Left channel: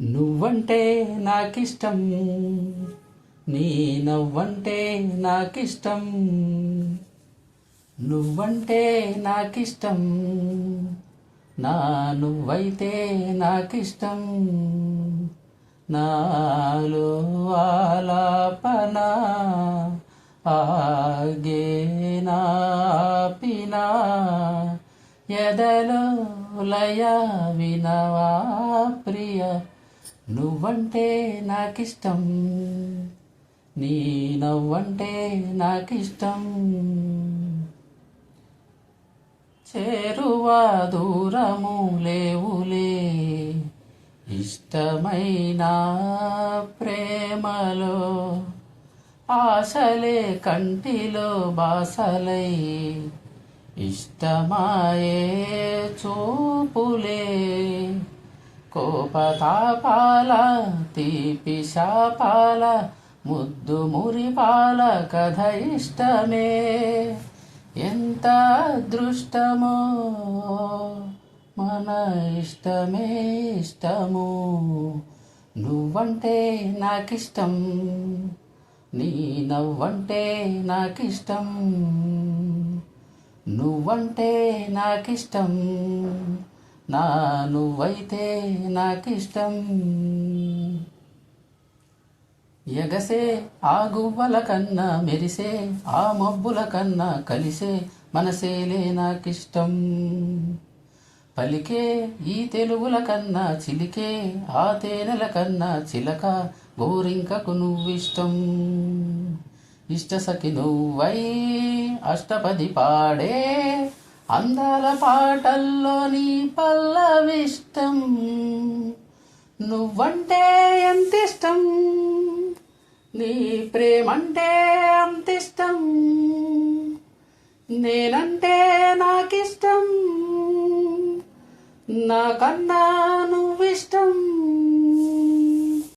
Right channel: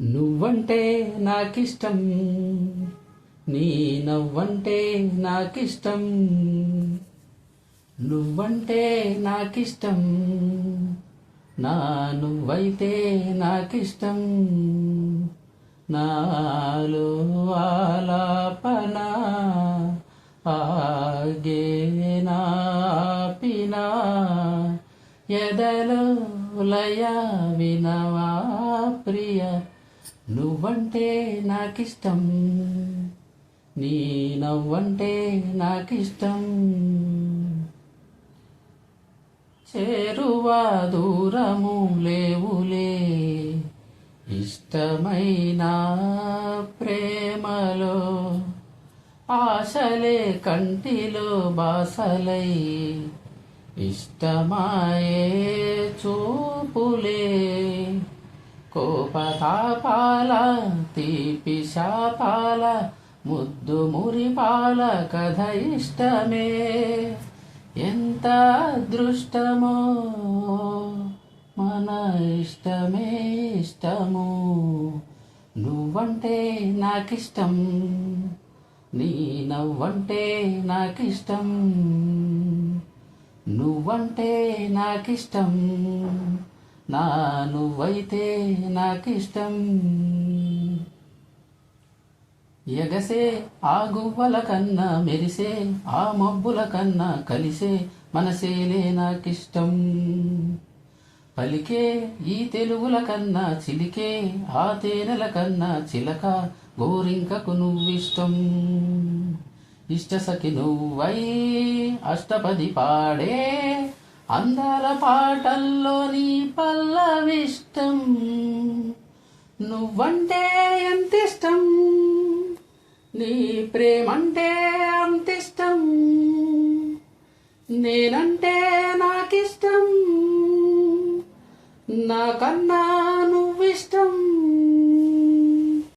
నువ్వంటే నాకిష్టం, నీ నవ్వంటే నాకిష్టం. నువ్వంటే నాకిష్టం, నా నువ్వైతే నాకిష్టం. నాలో ఆలాపన ఆగేనా పినా, ఎదలో లయ వినవా ప్రియ. నువ్వంటే నాకిష్టం, నీ నవ్వంటే నాకిష్టం. చేరువా దూరము లేవులే, ఇష్టమైన ప్రేమలో ఆశలే కంటిలో బాసలై, ఇష్టమాయే చూపులే. కోపతాపాల తీపి శాపాల ముద్దు మురిపాల కథ ఇష్టమే. ఎంత అదృష్టమో మన ఇష్టమే ఇష్టము. నువ్వంటే నాకిష్టం, నీ నవ్వంటే నాకిష్టం. నువ్వంటే నాకిష్టం, నా నువ్వైతే నాకిష్టం. ఎగసే ఆ గువ్వల కన్నా మెరిసే ఆ మబ్బుల కన్నా కలిసే మనసేలే నాకిష్టం. పలికే ఈ తెలుగుల కన్నా చిలికే ఆ తేనెల కన్నా చిలక గోరింకకు నువ్విష్టం. ఇష్టసఖి నువ్వై అష్టపది పాడే అందాల పాటల్లో నీ పల్లవిష్టం. నువ్వంటే ఎంతిష్టం, నీ ప్రేమంటే అంతిష్టం. నేనంటే నాకిష్టం, నాకన్నా